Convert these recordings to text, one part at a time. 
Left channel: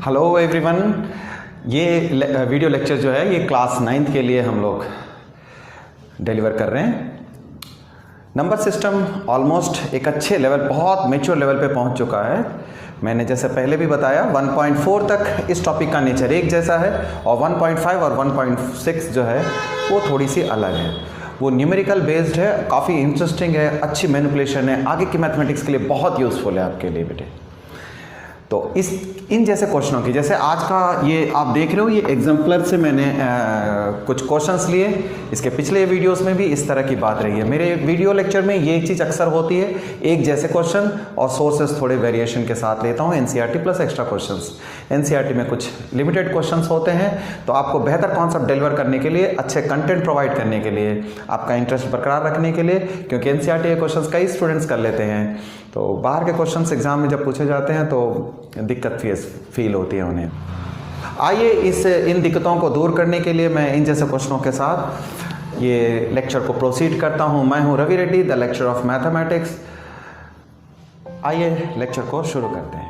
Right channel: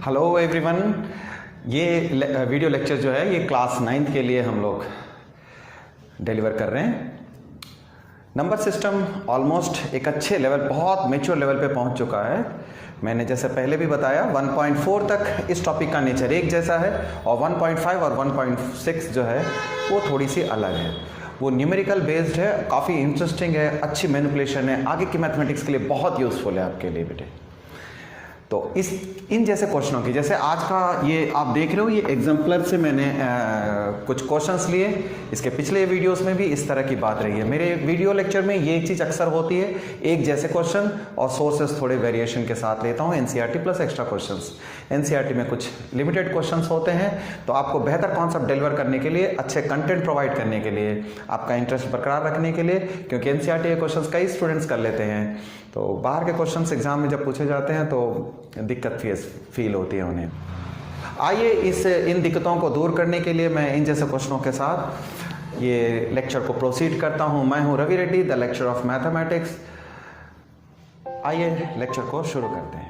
Hello everyone, ये video lecture जो है ये क्लास 9th के लिए हम लोग डिलीवर कर रहे हैं। नंबर सिस्टम ऑलमोस्ट एक अच्छे लेवल, बहुत मैच्योर लेवल पे पहुंच चुका है। मैंने जैसे पहले भी बताया 1.4 तक इस टॉपिक का नेचर एक जैसा है और 1.5 और 1.6 जो है वो थोड़ी सी अलग है। वो न्यूमेरिकल बेस्ड है, काफ़ी इंटरेस्टिंग है, अच्छी मैनिपुलेशन है, आगे की मैथमेटिक्स के लिए बहुत यूज़फुल है आपके लिए बेटे। तो इन जैसे क्वेश्चनों की, जैसे आज का ये आप देख रहे हो, ये एग्जाम्पलर से मैंने कुछ क्वेश्चंस लिए। इसके पिछले वीडियोस में भी इस तरह की बात रही है। मेरे वीडियो लेक्चर में ये चीज़ अक्सर होती है, एक जैसे क्वेश्चन और सोर्सेस थोड़े वेरिएशन के साथ लेता हूँ। NCERT plus extra questions. NCERT में कुछ लिमिटेड क्वेश्चंस होते हैं, तो आपको बेहतर कॉन्सेप्ट डिलीवर करने के लिए, अच्छे कंटेंट प्रोवाइड करने के लिए, आपका इंटरेस्ट बरकरार रखने के लिए, क्योंकि एनसीईआरटी के क्वेश्चंस कई स्टूडेंट्स कर लेते हैं, तो बाहर के क्वेश्चंस एग्जाम में जब पूछे जाते हैं तो दिक्कत फील होती है उन्हें। आइए इन दिक्कतों को दूर करने के लिए मैं इन जैसे क्वेश्चनों के साथ ये लेक्चर को प्रोसीड करता हूं। मैं हूं Ravi Reddy, the lecture of mathematics. आइए लेक्चर को शुरू करते हैं।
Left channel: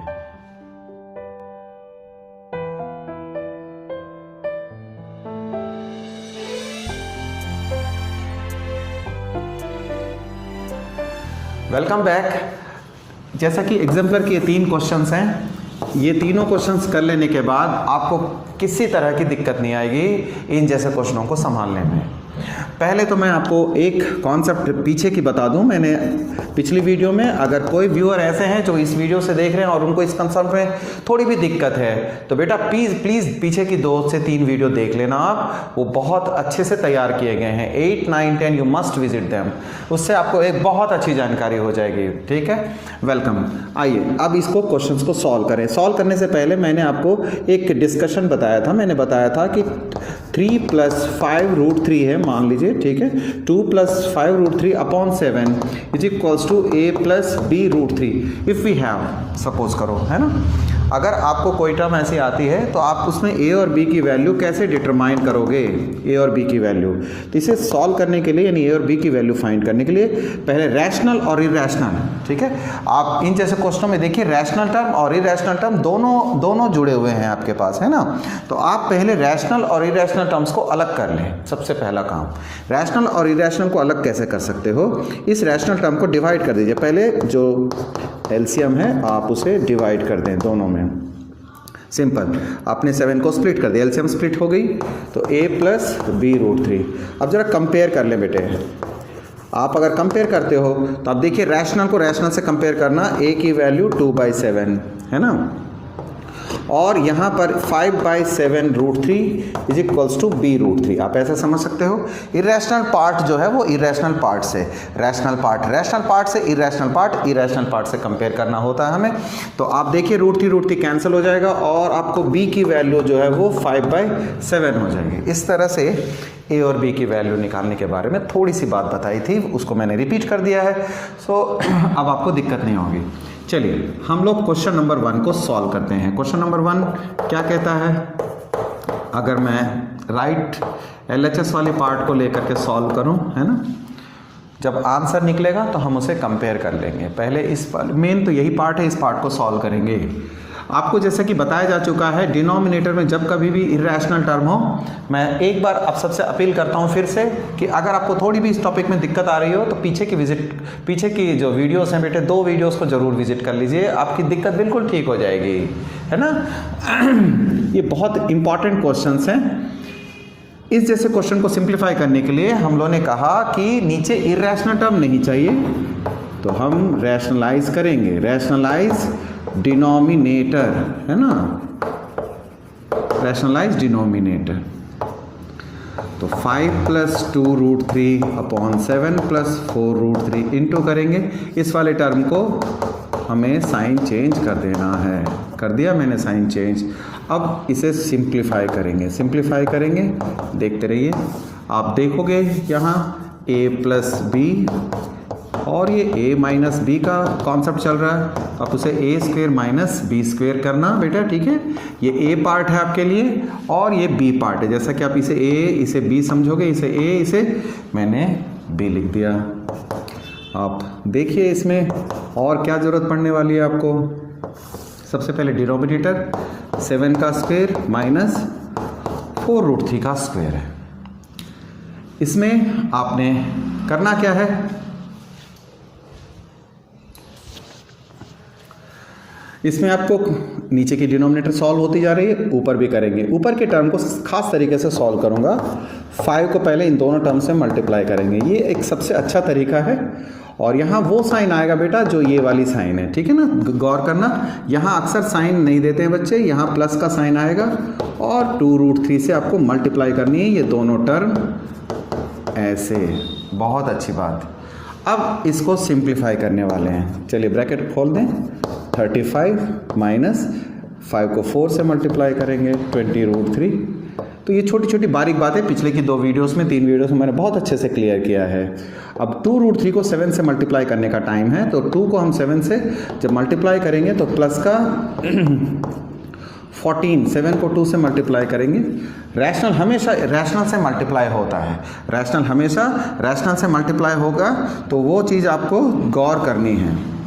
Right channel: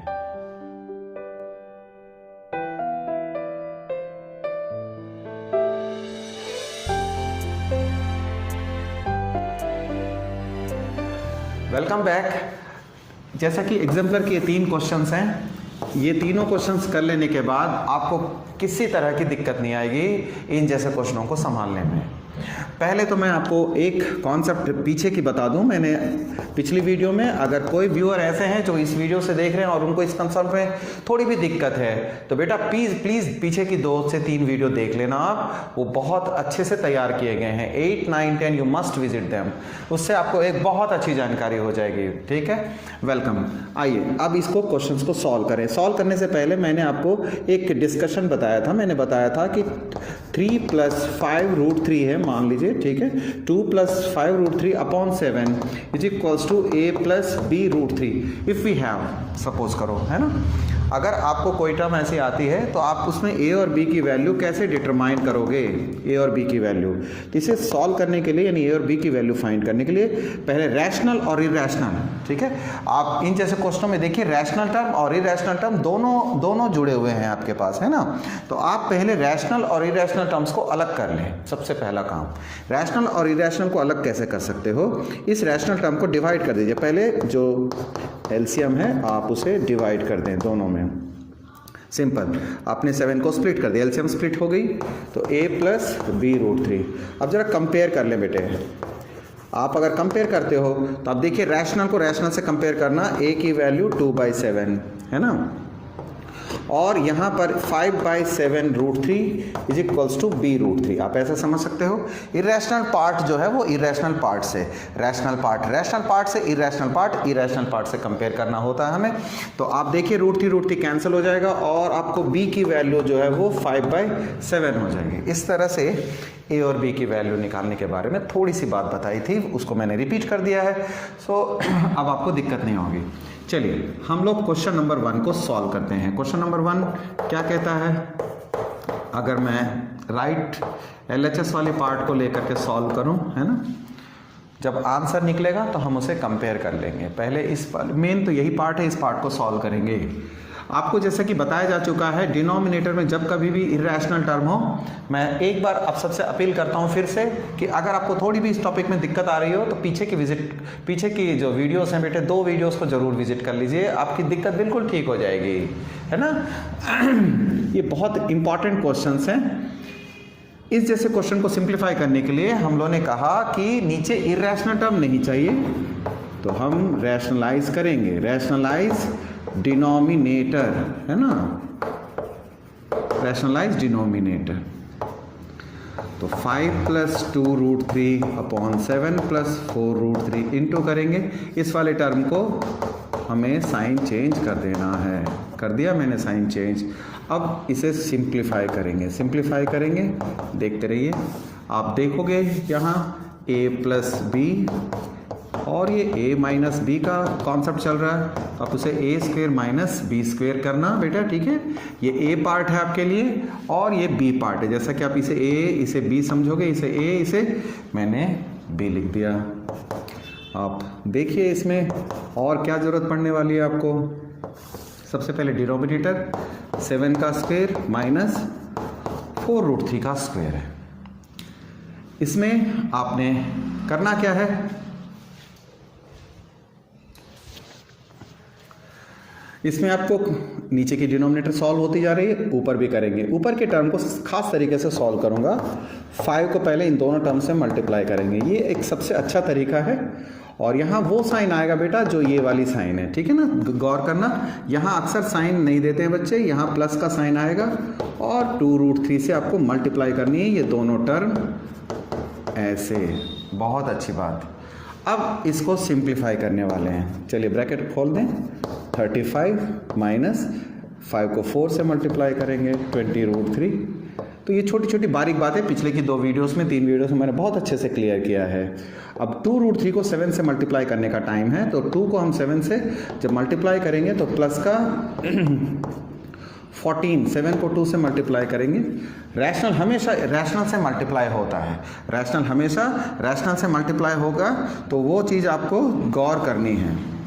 Welcome back. जैसा कि एग्जाम्पलर के 3 क्वेश्चंस हैं, ये तीनों क्वेश्चंस कर लेने के बाद आपको किसी तरह की दिक्कत नहीं आएगी इन जैसे क्वेश्चनों को संभालने में। पहले तो मैं आपको एक कॉन्सेप्ट पीछे की बता दूं। मैंने पिछली वीडियो में, अगर कोई व्यूअर ऐसे हैं जो इस वीडियो से देख रहे हैं और उनको इस कंसेप्ट में थोड़ी भी दिक्कत है, तो बेटा प्लीज़ पीछे की 2 से 3 वीडियो देख लेना आप। वो बहुत अच्छे से तैयार किए गए हैं। 8, 9, 10 यू मस्ट विजिट देम। उससे आपको एक बहुत अच्छी जानकारी हो जाएगी। ठीक है, वेलकम। आइए अब इसको क्वेश्चंस को सॉल्व करें। सॉल्व करने से पहले मैंने आपको एक डिस्कशन बताया था। मैंने बताया था कि 3 + 5√3 है, मान लीजिए, ठीक है। 2 + 5√3 upon 7 is equals to a + b√3 if we have, suppose करो, है ना। अगर आपको कोई टर्म ऐसी आती है तो आप उसमें a और b की वैल्यू कैसे डिटरमाइन करोगे, a और b की वैल्यू। तो इसे सॉल्व करने के लिए, यानी a और b की वैल्यू फाइंड करने के लिए पहले रैशनल और इरेशनल, ठीक है। आप इन जैसे क्वेश्चनों में देखिए, रैशनल टर्म और इरेशनल टर्म दोनों जुड़े हुए हैं आपके पास, है ना। तो आप पहले रैशनल और इरेशनल टर्म्स को अलग कर लें। सबसे पहला काम, रैशनल और इरेशनल को अलग कैसे कर सकते हो। इस रैशनल टर्म को डिवाइड कर दीजिए। पहले जो एलसीएम है आप उसे डिवाइड कर दें दोनों में। सिंपल, आपने 7 को स्प्लिट कर दिया, एलसीएम स्प्लिट हो गई, तो a + b√3। अब जरा कंपेयर कर लें बेटे। आप अगर कंपेयर करते हो तो आप देखिए, रैशनल को रैशनल से कंपेयर करना, a की वैल्यू 2/7 है ना, और यहाँ पर 5/7√3 इज इक्वल्स टू b√3। आप ऐसा समझ सकते हो। इरेशनल पार्ट जो है वो इरेशनल पार्ट से, रैशनल पार्ट से इरेशनल पार्ट से कंपेयर करना होता है हमें। तो आप देखिए, √3 कैंसिल हो जाएगा और आपको b की वैल्यू जो है वो 5/7 हो जाएगी। इस तरह से a और b की वैल्यू निकालने के बारे में थोड़ी सी बात बताई थी, उसको मैंने रिपीट कर दिया है। सो अब आपको दिक्कत नहीं होगी। चलिए हम लोग क्वेश्चन नंबर 1 को सॉल्व करते हैं। क्वेश्चन नंबर 1 क्या कहता है। अगर मैं राइट LHS वाली पार्ट को लेकर के सॉल्व करूं, है ना, जब आंसर निकलेगा तो हम उसे कंपेयर कर लेंगे। पहले इस मेन तो यही पार्ट है, इस पार्ट को सॉल्व करेंगे। आपको जैसे कि बताया जा चुका है, डिनोमिनेटर में जब कभी भी इरेशनल टर्म हो, मैं एक बार आप सबसे अपील करता हूं फिर से कि अगर आपको थोड़ी भी इस टॉपिक में दिक्कत आ रही हो तो पीछे की जो वीडियोस हैं बेटे, 2 वीडियोस को जरूर विजिट कर लीजिए। आपकी दिक्कत बिल्कुल ठीक हो जाएगी, है ना। ये बहुत इंपॉर्टेंट क्वेश्चंस हैं। इस जैसे क्वेश्चन को सिंप्लीफाई करने के लिए हम लोगों ने कहा कि नीचे इरेशनल टर्म नहीं चाहिए, तो हम रैशनलाइज करेंगे। रैशनलाइज डिनोमिनेटर, है ना, रैशनलाइज डिनोमिनेटर। तो 5 + 2√3 अपॉन 7 + 4√3 इंटू करेंगे। इस वाले टर्म को हमें साइन चेंज कर देना है। कर दिया मैंने साइन चेंज। अब इसे सिंप्लीफाई करेंगे, देखते रहिए। आप देखोगे यहाँ a + b, और ये a - b का कॉन्सेप्ट चल रहा है। आप उसे a² - b² करना बेटा, ठीक है। ये a पार्ट है आपके लिए और ये b पार्ट है। जैसा कि आप इसे a, इसे b समझोगे, इसे a, इसे मैंने b लिख दिया। आप देखिए इसमें और क्या जरूरत पड़ने वाली है आपको। सबसे पहले डिनोमिनेटर 7 का स्क्वायर माइनस 4√3 का स्क्वायर है। इसमें आपने करना क्या है, इसमें आपको नीचे की डिनोमिनेटर सॉल्व होती जा रही है, ऊपर भी करेंगे। ऊपर के टर्म को खास तरीके से सॉल्व करूंगा। 5 को पहले इन दोनों टर्म से मल्टीप्लाई करेंगे, ये एक सबसे अच्छा तरीका है। और यहाँ वो साइन आएगा बेटा जो ये वाली साइन है, ठीक है ना, गौर करना। यहाँ अक्सर साइन नहीं देते हैं बच्चे, यहाँ प्लस का साइन आएगा और 2√3 से आपको मल्टीप्लाई करनी है ये दोनों टर्म ऐसे। बहुत अच्छी बात। अब इसको सिंप्लीफाई करने वाले हैं। चलिए ब्रैकेट खोल दें। 35 माइनस 5 को 4 से मल्टीप्लाई करेंगे 20√3। तो ये छोटी छोटी बारीक बातें पिछले की 2 वीडियोस में 3 वीडियोस में मैंने बहुत अच्छे से क्लियर किया है। अब 2√3 को 7 से मल्टीप्लाई करने का टाइम है, तो 2 को हम 7 से जब मल्टीप्लाई करेंगे तो प्लस का 14, 7 को 2 से मल्टीप्लाई करेंगे। रैशनल हमेशा रैशनल से मल्टीप्लाई होता है, रैशनल हमेशा रैशनल से मल्टीप्लाई होगा, तो वो चीज़ आपको गौर करनी है।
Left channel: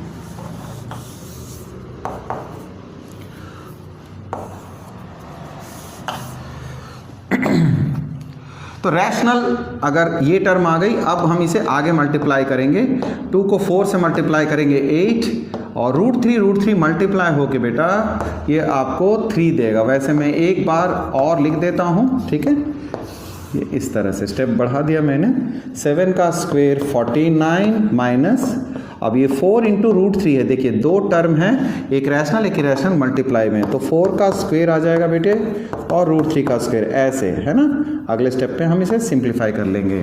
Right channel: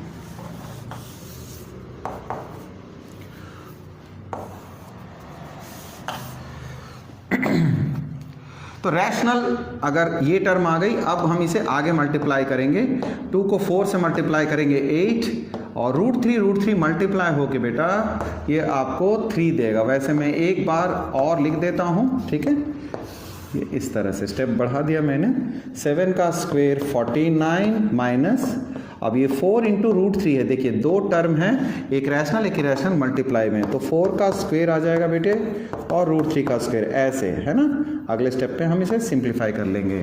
तो रैशनल अगर ये टर्म आ गई, अब हम इसे आगे मल्टीप्लाई करेंगे। 2 को 4 से मल्टीप्लाई करेंगे 8 और √3 मल्टीप्लाई होके बेटा ये आपको 3 देगा। वैसे मैं एक बार और लिख देता हूँ, ठीक है, ये इस तरह से स्टेप बढ़ा दिया मैंने। 7 का स्क्वायर 49 माइनस, अब ये 4 इंटू √3 है। देखिए 2 टर्म हैं, एक रैशनल एक इरेशनल मल्टीप्लाई में, तो 4 का स्क्वायर आ जाएगा बेटे और √3 का स्क्वायर, ऐसे है ना। अगले स्टेप पे हम इसे सिंप्लीफाई कर लेंगे।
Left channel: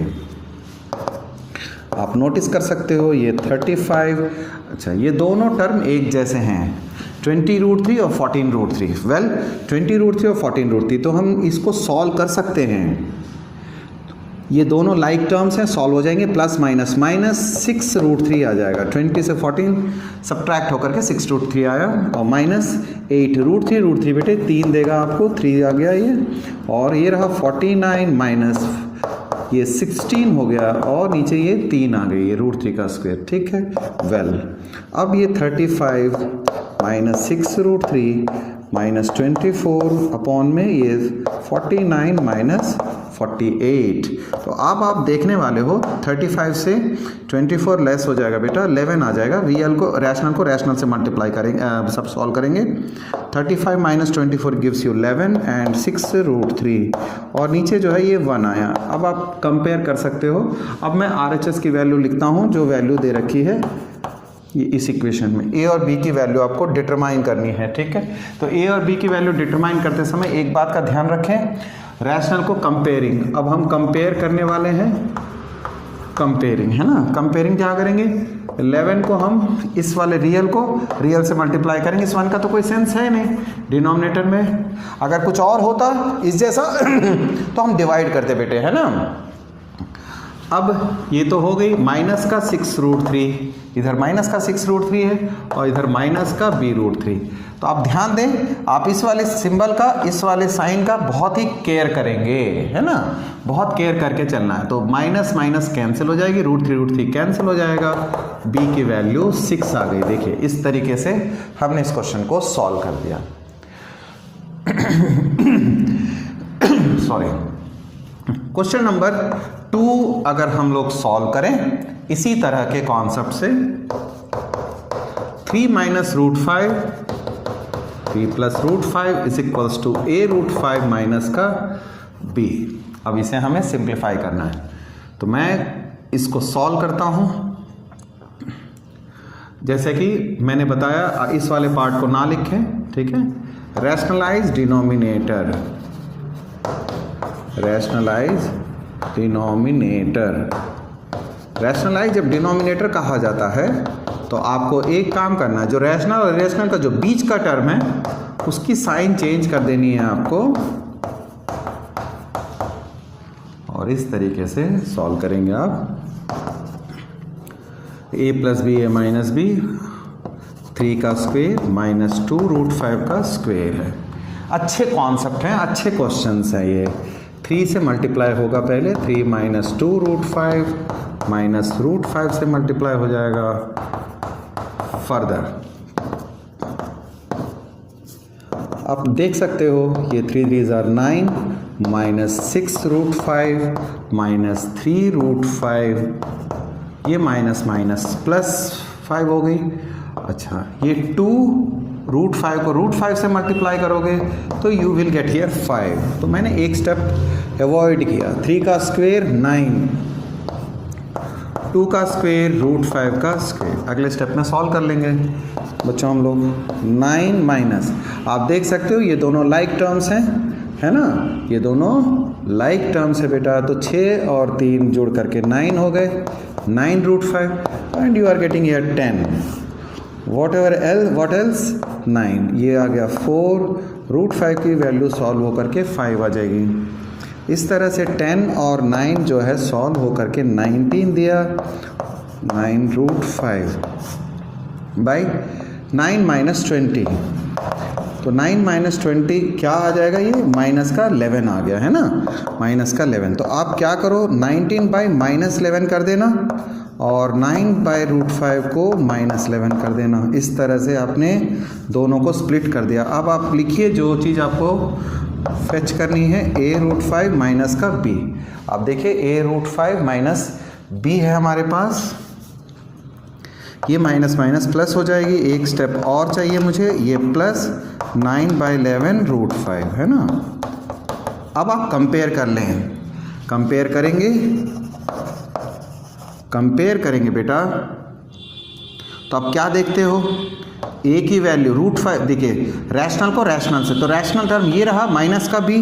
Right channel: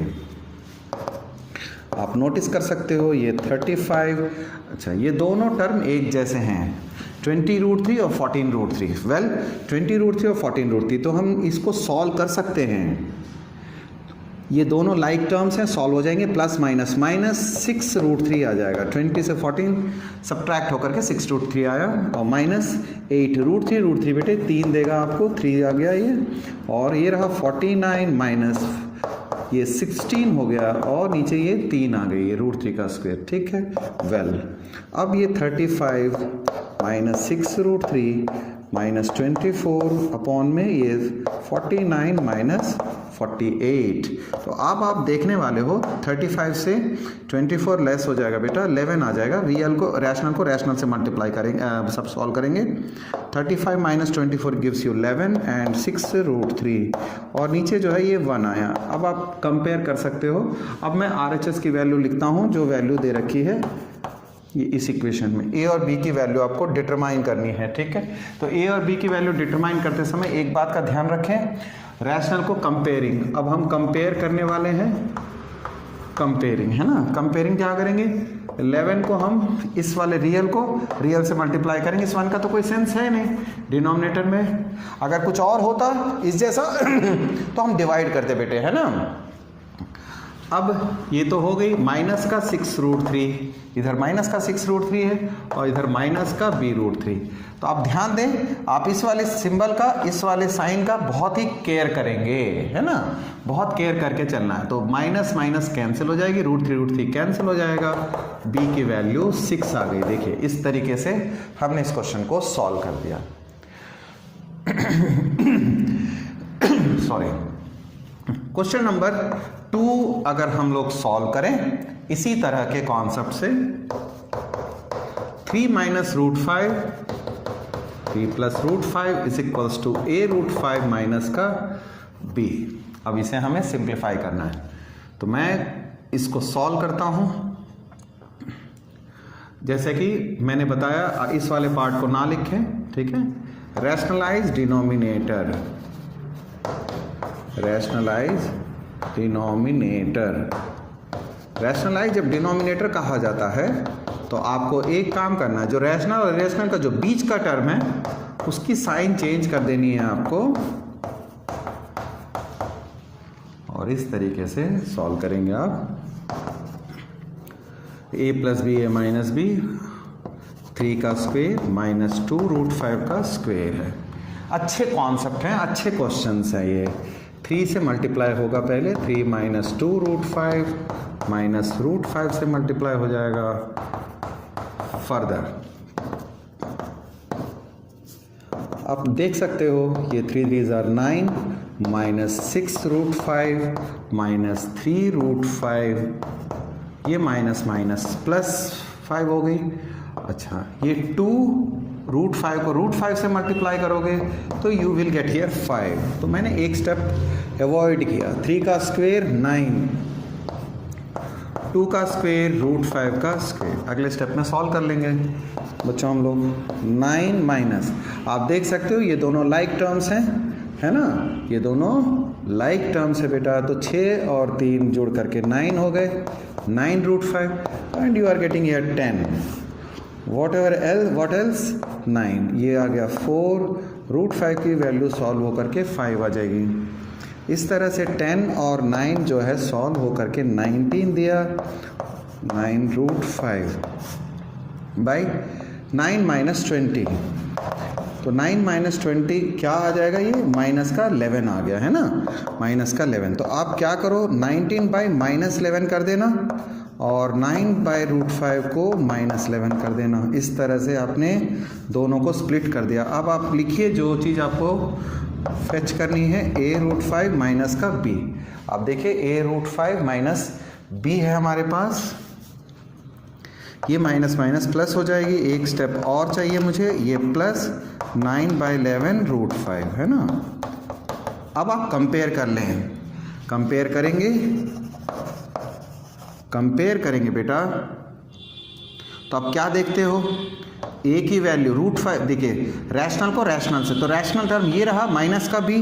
आप नोटिस कर सकते हो ये 35, अच्छा ये दोनों टर्म एक जैसे हैं, 20√3 और 14√3। वेल 20√3 और 14√3, तो हम इसको सॉल्व कर सकते हैं। ये दोनों लाइक टर्म्स हैं, सॉल्व हो जाएंगे। प्लस माइनस माइनस 6√3 आ जाएगा। 20 से 14 सब्ट्रैक्ट होकर के 6√3 आया और माइनस 8 √3 बेटे 3 देगा आपको, 3 आ गया ये। और ये रहा 49 माइनस ये 16 हो गया और नीचे ये 3 आ गई, ये √3 का स्क्वायर, ठीक है। वेल अब ये 35 माइनस 6√3 माइनस 24 अपॉन में ये 49 माइनस 48। तो अब आप देखने वाले हो 35 से 24 लेस हो जाएगा बेटा, 11 आ जाएगा। रियल को रैशनल से मल्टीप्लाई करेंगे, सब सॉल्व करेंगे। 35 माइनस 24 गिव्स यू 11 एंड 6√3 और नीचे जो है ये 1 आया। अब आप कंपेयर कर सकते हो। अब मैं RHS की वैल्यू लिखता हूँ, जो वैल्यू दे रखी है ये इस इक्वेशन में। ए और बी की वैल्यू आपको डिटरमाइन करनी है, ठीक है। तो ए और बी की वैल्यू डिटरमाइन करते समय एक बात का ध्यान रखें, रैशनल को कंपेयरिंग। अब हम कंपेयर करने वाले हैं, कंपेयरिंग है ना। कंपेयरिंग क्या करेंगे, 11 को हम इस वाले रियल से मल्टीप्लाई करेंगे। इस 1 का तो कोई सेंस है नहीं डिनोमिनेटर में, अगर कुछ और होता इस जैसा तो हम डिवाइड करते बेटे, है ना। अब ये तो हो गई माइनस का 6√3, इधर माइनस का 6√3 है और इधर माइनस का b√3। तो आप ध्यान दें, आप इस वाले सिंबल का, इस वाले साइन का बहुत ही केयर करेंगे, है ना, बहुत केयर करके चलना है। तो माइनस माइनस कैंसिल हो जाएगी, √3 कैंसिल हो जाएगा, b की वैल्यू 6 आ गई। देखिए इस तरीके से हमने इस क्वेश्चन को सॉल्व कर दिया। सॉरी, क्वेश्चन नंबर 2 अगर हम लोग सॉल्व करें इसी तरह के कॉन्सेप्ट से, 3 minus √5 3 plus √5 is equals to a√5 minus का b। अब इसे हमें सिंप्लीफाई करना है, तो मैं इसको सॉल्व करता हूं। जैसे कि मैंने बताया, इस वाले पार्ट को ना लिखें, ठीक है। Rationalise denominator, rationalise denominator, rationalise जब डिनोमिनेटर कहा जाता है तो आपको एक काम करना है, जो रैशनल और इरेशनल का जो बीच का टर्म है उसकी साइन चेंज कर देनी है आपको, और इस तरीके से सॉल्व करेंगे आप। a plus B A minus B, 3 का स्क्वायर माइनस 2√5 का स्क्वायर है। अच्छे कॉन्सेप्ट हैं, अच्छे क्वेश्चंस हैं ये। 3 से मल्टीप्लाई होगा पहले, 3 माइनस 2√5 माइनस √5 से मल्टीप्लाई हो जाएगा। फर्दर आप देख सकते हो ये 3 3 are 9 -6√5 -3√5, ये माइनस माइनस प्लस 5 हो गई। अच्छा ये 2√5 को √5 से मल्टीप्लाई करोगे तो यू विल गेट हियर 5। तो मैंने एक स्टेप अवॉइड किया। 3 का स्क्वायर 9, 2 का स्क्वायर √5 का स्क्वायर। अगले स्टेप में सॉल्व कर लेंगे बच्चों हम लोग। 9 माइनस, आप देख सकते हो ये दोनों लाइक टर्म्स हैं, है ना, ये दोनों लाइक टर्म्स है बेटा। तो 6 और 3 जोड़ करके 9 हो गए, 9√5 and you are getting here 10। What else 9, ये आ गया 4√5 की वैल्यू सॉल्व होकर के 5 आ जाएगी। इस तरह से 10 और 9 जो है सॉल्व होकर के 19 दिया। 9√5 बाई 9 - 20, तो 9 - 20 क्या आ जाएगा, ये माइनस का 11 आ गया है ना, माइनस का 11। तो आप क्या करो 19 बाई -11 कर देना और 9/√5 को -11 कर देना। इस तरह से आपने दोनों को स्प्लिट कर दिया। अब आप लिखिए जो चीज़ आपको फेच करनी है, a√5 माइनस का b। आप देखिए a√5 माइनस b है हमारे पास, ये माइनस माइनस प्लस हो जाएगी। एक स्टेप और चाहिए मुझे, ये प्लस 9/11√5 है ना। अब आप कंपेयर कर लें, कंपेयर करेंगे बेटा। तो आप क्या देखते हो, ए की वैल्यू √5, देखिए रैशनल को रैशनल से, तो रैशनल टर्म ये रहा माइनस का b।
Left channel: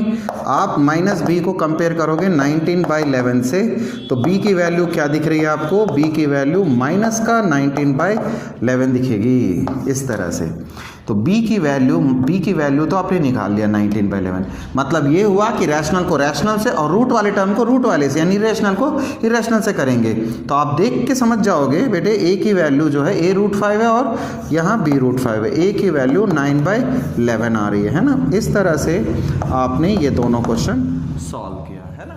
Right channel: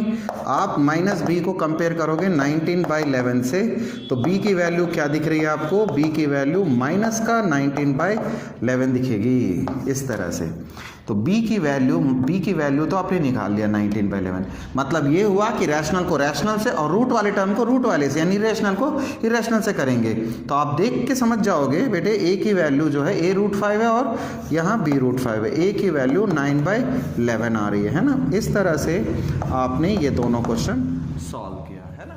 आप माइनस b को कंपेयर करोगे 19/11 से, तो b की वैल्यू क्या दिख रही है आपको, b की वैल्यू माइनस का 19/11 दिखेगी इस तरह से। तो b की वैल्यू तो आपने निकाल लिया 19/11। मतलब ये हुआ कि रैशनल को रैशनल से और रूट वाले टर्म को रूट वाले से, यानी इरेशनल को इरेशनल से करेंगे। तो आप देख के समझ जाओगे बेटे, a की वैल्यू जो है a√5 है और यहाँ b√5 है। a की वैल्यू 9/11 आ रही है ना। इस तरह से आपने ये दोनों क्वेश्चन सॉल्व किया है ना।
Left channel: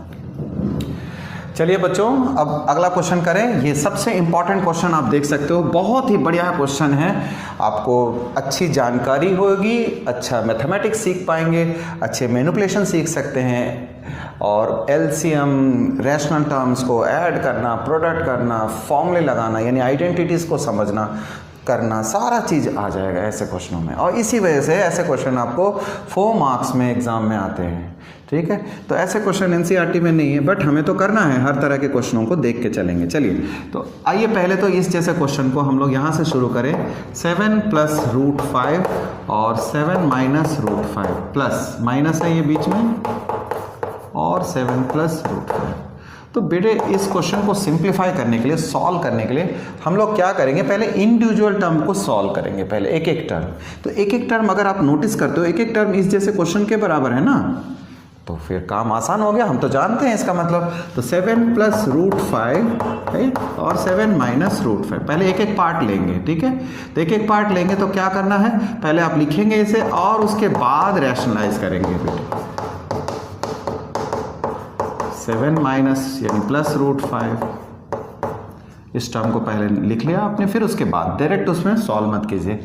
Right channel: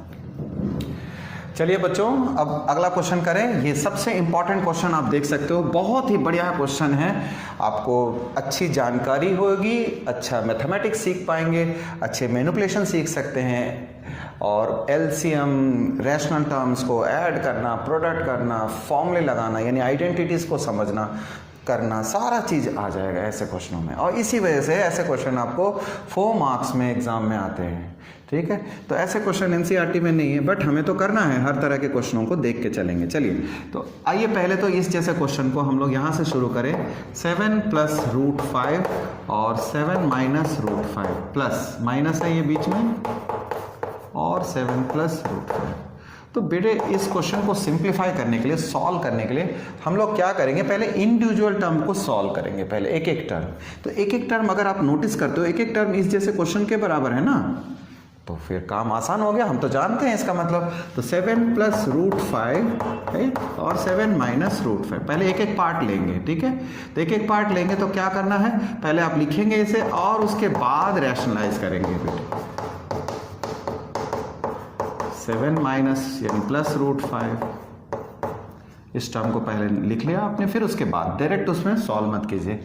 चलिए बच्चों, अब अगला क्वेश्चन करें। ये सबसे इंपॉर्टेंट क्वेश्चन आप देख सकते हो, बहुत ही बढ़िया क्वेश्चन है। आपको अच्छी जानकारी होगी, अच्छा मैथमेटिक्स सीख पाएंगे, अच्छे मैनिपुलेशन सीख सकते हैं और एलसीएम, रैशनल टर्म्स को ऐड करना, प्रोडक्ट करना, फॉर्मूले लगाना, यानी आइडेंटिटीज को समझना करना, सारा चीज़ आ जाएगा ऐसे क्वेश्चनों में। और इसी वजह से ऐसे क्वेश्चन आपको 4 मार्क्स में एग्जाम में आते हैं, ठीक है। तो ऐसे क्वेश्चन एनसीईआरटी में नहीं है, बट हमें तो करना है, हर तरह के क्वेश्चनों को देख के चलेंगे। चलिए तो आइए पहले तो इस जैसे क्वेश्चन को हम लोग यहाँ से शुरू करें। 7 + √5 और 7 - √5 प्लस माइनस है ये बीच में, और 7 + √5। तो बेटे इस क्वेश्चन को सिंप्लीफाई करने के लिए, सॉल्व करने के लिए हम लोग क्या करेंगे, पहले इंडिविजुअल टर्म को सॉल्व करेंगे, पहले एक एक टर्म। तो एक एक टर्म अगर आप नोटिस करते हो, एक एक टर्म इस जैसे क्वेश्चन के बराबर है ना, तो फिर काम आसान हो गया, हम तो जानते हैं इसका मतलब। तो 7 + √5 राइट और 7 - √5, पहले एक एक पार्ट लेंगे, ठीक है। तो एक एक पार्ट लेंगे तो क्या करना है, पहले आप लिखेंगे इसे और उसके बाद रैशनलाइज करेंगे बेटे। 7 माइनस यानी प्लस √5, इस टर्म को पहले लिख लिया आपने, फिर उसके बाद डायरेक्ट उसमें सॉल्व मत कीजिए,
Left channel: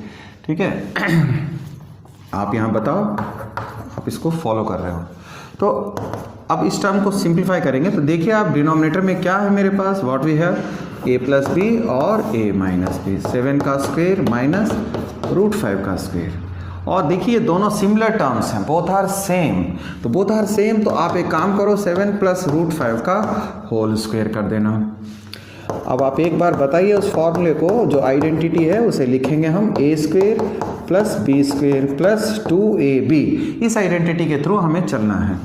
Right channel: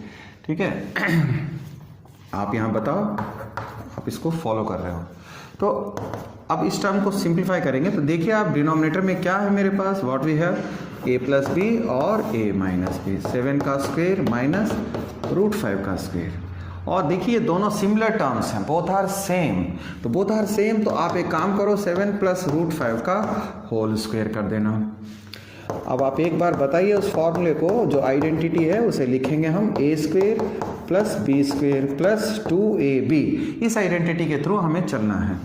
ठीक है। आप यहाँ बताओ आप इसको फॉलो कर रहे हो। तो अब इस टर्म को सिंप्लीफाई करेंगे तो देखिए आप डिनोमिनेटर में क्या है मेरे पास, what we have, a + b और a - b, 7 का स्क्वायर माइनस √5 का स्क्वायर। और देखिए दोनों सिमिलर टर्म्स हैं, बोथ आर सेम। तो बोथ आर सेम, तो आप एक काम करो 7 + √5 का होल स्क्वायर कर देना। अब आप एक बार बताइए उस फॉर्मूले को, जो आइडेंटिटी है उसे लिखेंगे हम a² + b² + 2ab। इस आइडेंटिटी के थ्रू हमें चलना है।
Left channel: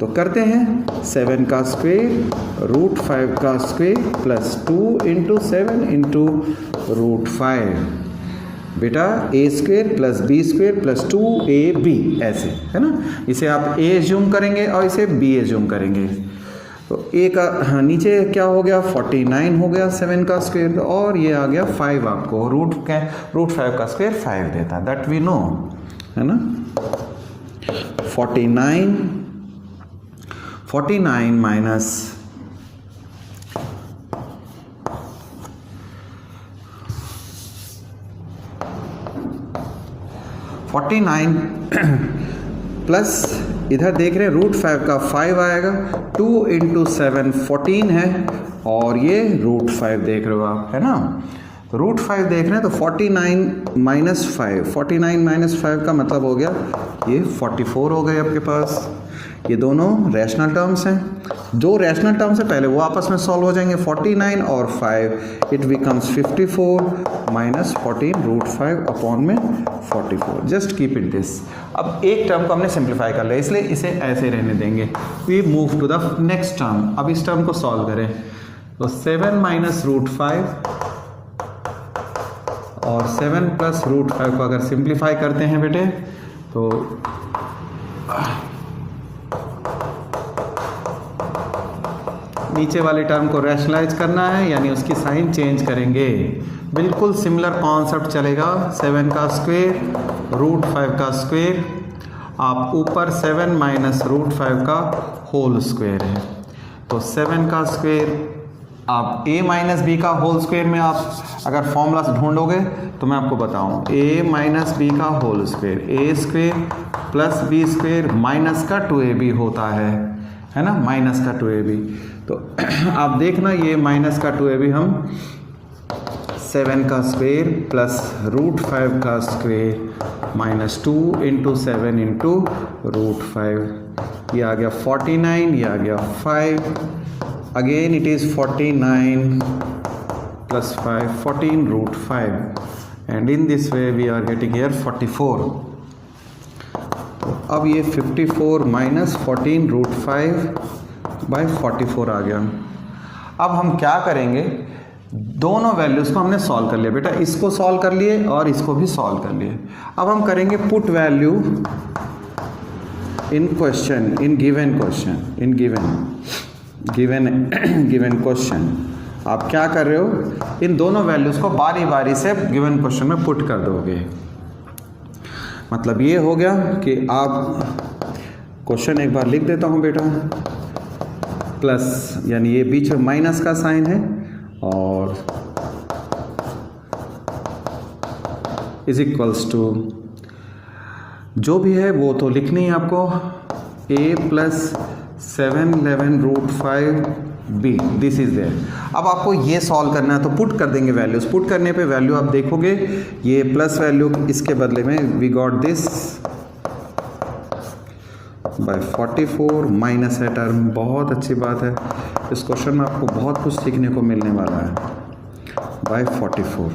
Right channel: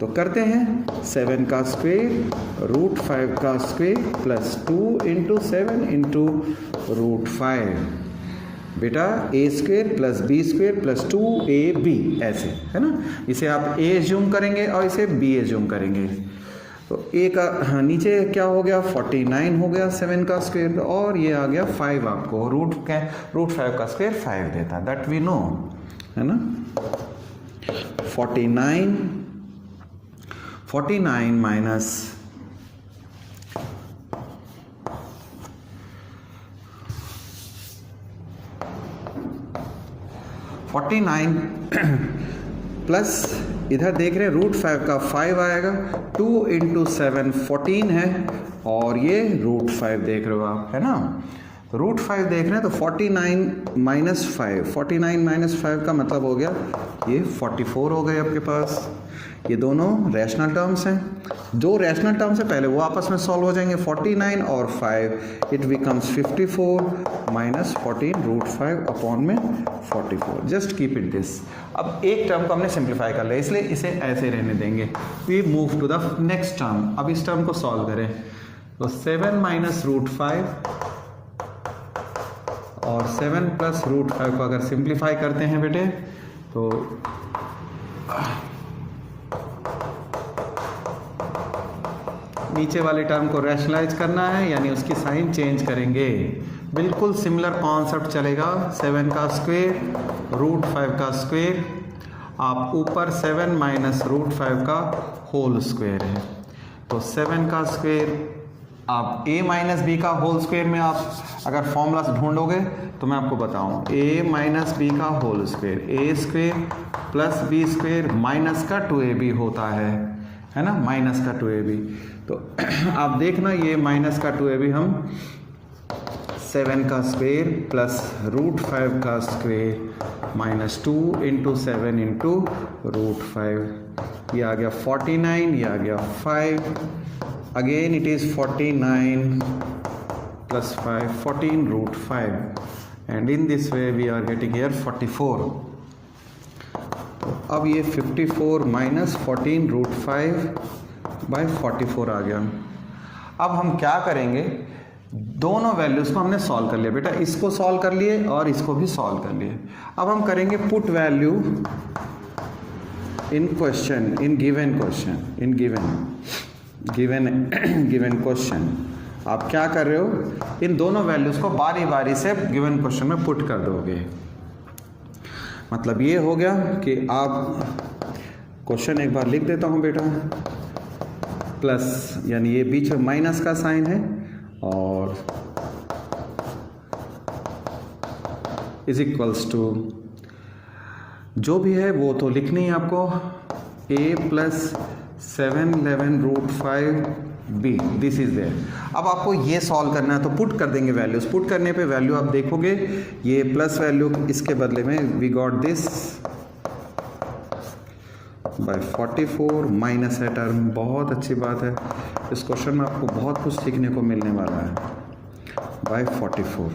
तो करते हैं 7 का स्क्वायर √5 का स्क्वायर प्लस 2 × 7 × √5 बेटा a² + b² + 2ab, ऐसे है ना। इसे आप a एज्यूम करेंगे और इसे b एज्यूम करेंगे। तो a का नीचे क्या हो गया, 49 हो गया 7 का स्क्वायर, और ये आ गया 5, आपको √5 का स्क्वायर 5 देता है, दैट वी नो, है ना। 49 माइनस 49 49 प्लस इधर देख रहे हैं √5 का 5 आएगा, 2 × 7 14 है, और ये √5 देख रहे हो आप, है ना। √5 देख रहे हैं तो 49 माइनस 5, 49 माइनस 5 का मतलब हो गया ये 44 हो गए आपके पास। ये दोनों रैशनल टर्म्स हैं। जो रैशनल टर्म्स है पहले वो आपस में सॉल्व हो जाएंगे, 49 और 5 इट बिकम्स 54 माइनस 14 √5 अपॉन में 44। Just keep it this. अब एक टर्म को हमने सिंप्लीफाई कर लिया, इसलिए इसे ऐसे रहने देंगे। We move to the next term. अब इस टर्म को सॉल्व करें तो 7 माइनस √5 और 7 प्लस √5 को अगर सिंप्लीफाई करते हैं बेटे तो नीचे वाले टर्म को रैशनलाइज करना है, यानी उसकी साइन चेंज करेंगे। बिल्कुल सिमिलर कॉन्सेप्ट चलेगा। 7 का स्क्वायर √5 का स्क्वायर, आप ऊपर 7 माइनस √5 का होल स्क्वायर है तो 7 का स्क्वायर, आप a माइनस बी का होल स्क्वायर में आप अगर फॉर्मूला ढूंढोगे तो मैं आपको बताऊं, a माइनस बी का whole square, a square plus B square minus का 2ab होता है ना, माइनस का 2ab। तो आप देखना ये माइनस का 2ab हम 7 का स्क्वायर प्लस √5 का स्क्वायर माइनस 2 × 7 × √5, ये आ गया 49, ये आ गया 5, again it is 49 plus 5 14 √5 and in this way we are getting here 44। अब ये 54 माइनस 14 √5 बाई 44 आ गया। अब हम क्या करेंगे, दोनों वैल्यूज को हमने सॉल्व कर लिया बेटा, इसको सॉल्व कर लिए और इसको भी सॉल्व कर लिए। अब हम करेंगे put value in question, in given question, in given question. आप क्या कर रहे हो, इन दोनों वैल्यूज को बारी बारी से गिवन क्वेश्चन में पुट कर दोगे। मतलब ये हो गया कि आप क्वेश्चन एक बार लिख देता हूं बेटा, प्लस यानी ये बीच में माइनस का साइन है और इज इक्वल्स टू जो भी है वो तो लिखनी है आपको, a plus 7 11 √5 b, this is there. अब आपको ये सॉल्व करना है तो पुट कर देंगे वैल्यूज। पुट करने पे वैल्यू आप देखोगे ये प्लस वैल्यू इसके बदले में we got this by 44 minus है टर्म। बहुत अच्छी बात है, इस क्वेश्चन में आपको बहुत कुछ सीखने को मिलने वाला है। बाय 44,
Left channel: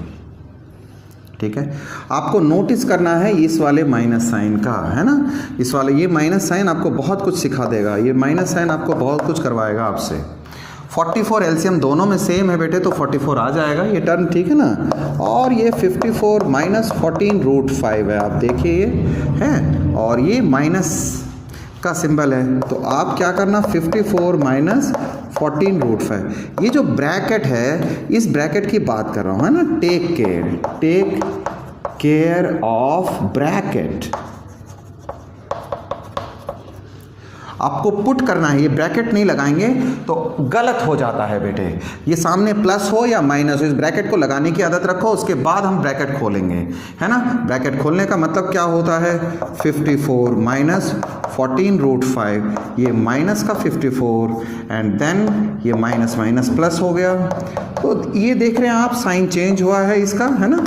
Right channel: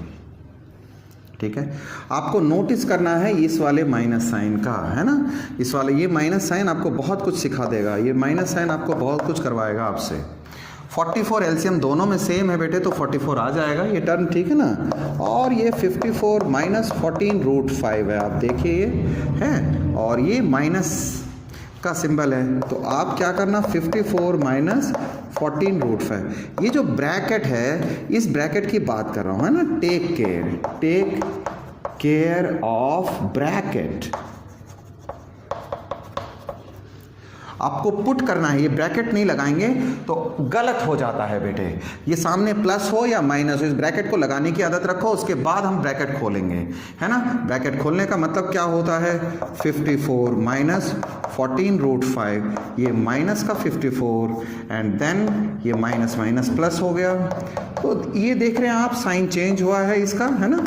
ठीक है। आपको नोटिस करना है इस वाले माइनस साइन का, है ना, इस वाले ये माइनस साइन आपको बहुत कुछ सिखा देगा। ये माइनस साइन आपको बहुत कुछ करवाएगा आपसे। 44 एलसीएम दोनों में सेम है बेटे तो 44 आ जाएगा ये टर्म, ठीक है ना। और ये 54 माइनस 14 √5 है, आप देखिए ये है, और ये माइनस का सिंबल है तो आप क्या करना, 54 माइनस 14 √5। ये जो ब्रैकेट है इस ब्रैकेट की बात कर रहा हूं, है ना। Take care of bracket. आपको पुट करना है, ये ब्रैकेट नहीं लगाएंगे तो गलत हो जाता है बेटे। ये सामने प्लस हो या माइनस हो, इस ब्रैकेट को लगाने की आदत रखो, उसके बाद हम ब्रैकेट खोलेंगे, है ना। ब्रैकेट खोलने का मतलब क्या होता है, 54 माइनस 14 √5, ये माइनस का 54 एंड देन ये माइनस माइनस प्लस हो गया। तो ये देख रहे हैं आप, साइन चेंज हुआ है इसका, है ना।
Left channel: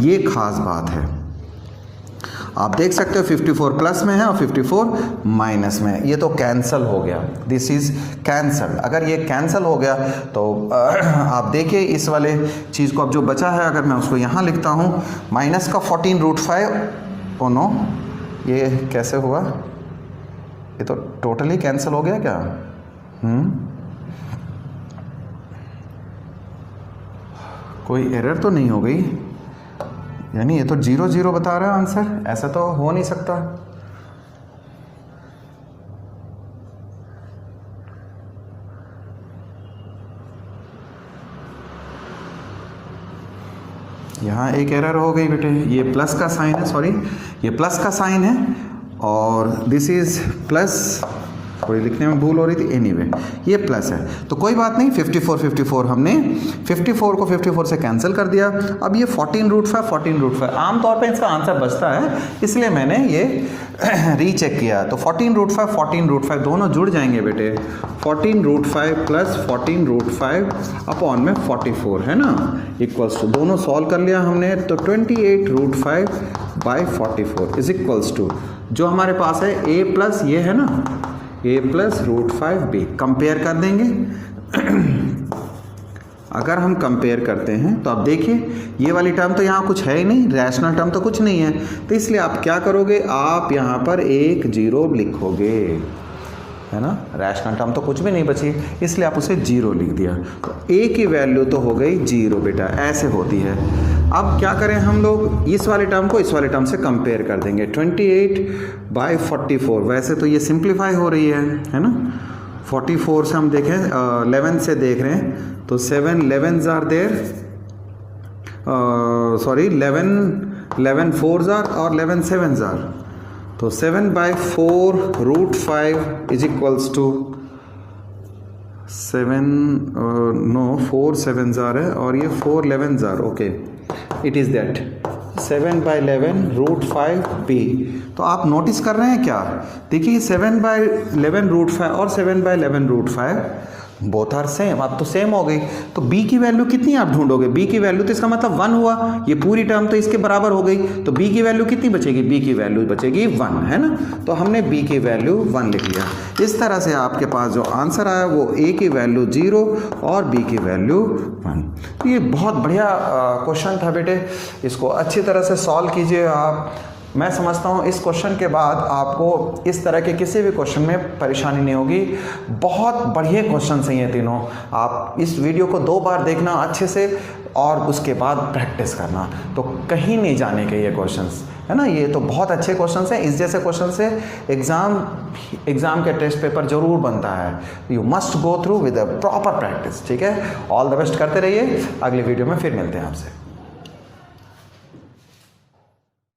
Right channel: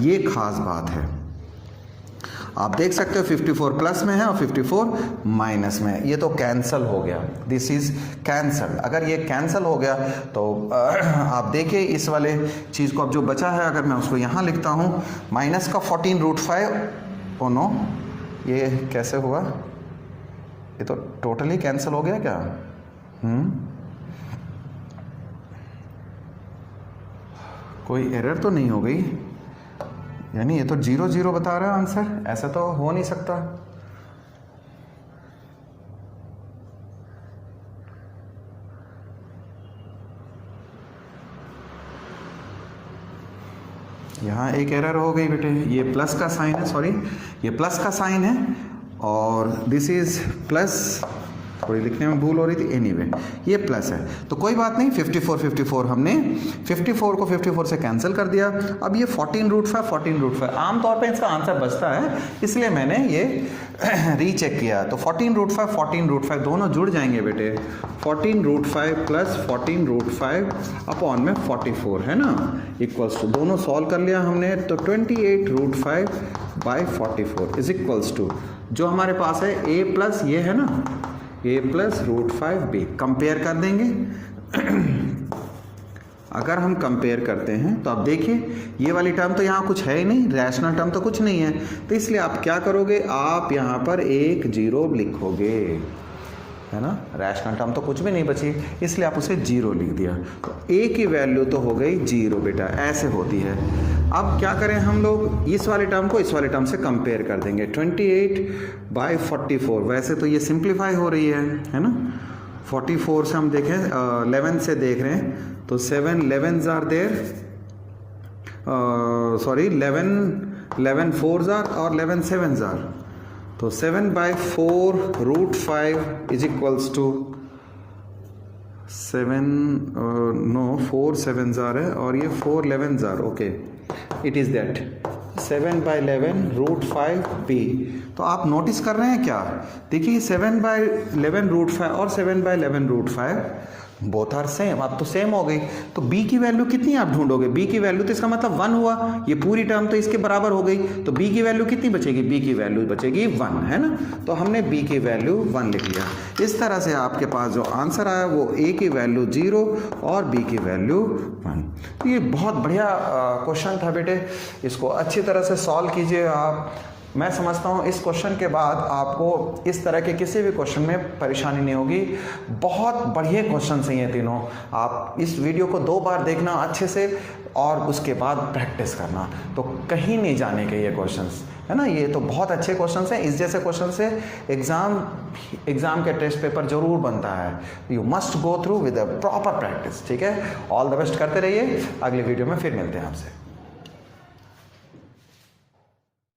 ये खास बात है, आप देख सकते हो 54 प्लस में है और 54 माइनस में है। ये तो कैंसल हो गया, दिस इज कैंसल। अगर ये कैंसल हो गया तो आप देखिए इस वाले चीज़ को, अब जो बचा है अगर मैं उसको यहाँ लिखता हूँ, माइनस का 14 √5, ओ नो, ये कैसे हुआ, ये तो टोटली कैंसल हो गया क्या। कोई एरर तो नहीं हो गई, यानी ये तो 0 0 बता रहा है आंसर, ऐसा तो हो नहीं सकता। यहाँ एक एरर हो गई बेटे, ये प्लस का साइन है, सॉरी ये प्लस का साइन है और दिस इज प्लस थोड़ी लिखने में भूल हो रही थी, एनीवे ये प्लस है तो कोई बात नहीं। 54 हमने 54 को 54 से कैंसिल कर दिया। अब ये 14√5 आमतौर पे इसका आंसर बचता है, इसलिए मैंने ये रीचेक किया। तो 14√5 दोनों जुड़ जाएंगे बेटे। 14√5 प्लस 14√5 अपॉन में 44 है ना, इक्वल्स टू, दोनों सॉल्व कर लिया हमने तो 28√5/44 इज इक्वल्स टू जो हमारे पास है a प्लस ये है ना a प्लस √5b। कंपेयर कर देंगे। अगर हम कंपेयर करते हैं तो आप देखिए ये वाली टर्म तो यहाँ कुछ है ही नहीं, रैशनल टर्म तो कुछ नहीं है, तो इसलिए आप क्या करोगे, आप यहाँ पर 1 0 लिखोगे, है ना। रैशनल टर्म तो कुछ भी नहीं बची, इसलिए आप उसे 0 लिख दिया। तो a की वैल्यू तो हो गई 0 बेटा, ऐसे होती है। अब क्या करें हम लोग, इस वाले टर्म को इस वाले टर्म से कंपेयर कर देंगे। 28/44 वैसे तो ये सिंप्लीफाई हो रही है ना। 44 से हम देखें 11 से देख रहे हैं तो 7 11s are there, sorry 11 4s are और 11 7s आर, तो 7/4√5 is equals to 4 7s are है और ये 4 11s are, okay it is that 7/11√5b। तो आप नोटिस कर रहे हैं क्या, देखिए 7/11√5 और 7/11√5 बोथ आर सेम, अब तो सेम हो गई। तो b की वैल्यू कितनी आप ढूंढोगे, b की वैल्यू तो इसका मतलब 1 हुआ, ये पूरी टर्म तो इसके बराबर हो गई, तो b की वैल्यू कितनी बचेगी, b की वैल्यू बचेगी 1, है ना। तो हमने b की वैल्यू 1 लिख लिया। इस तरह से आपके पास जो आंसर आया वो a की वैल्यू 0 और b की वैल्यू 1। तो ये बहुत बढ़िया क्वेश्चन था बेटे, इसको अच्छी तरह से सॉल्व कीजिए आप। मैं समझता हूँ इस क्वेश्चन के बाद आपको इस तरह के किसी भी क्वेश्चन में परेशानी नहीं होगी। बहुत बढ़िया क्वेश्चन हैं ये तीनों। आप इस वीडियो को 2 बार देखना अच्छे से और उसके बाद प्रैक्टिस करना, तो कहीं नहीं जाने के ये क्वेश्चंस, है ना। ये तो बहुत अच्छे क्वेश्चंस हैं, इस जैसे क्वेश्चन से एग्जाम के टेस्ट पेपर जरूर बनता है। You must go through with a proper practice, ठीक है। ऑल द बेस्ट करते रहिए, अगली वीडियो में फिर मिलते हैं आपसे।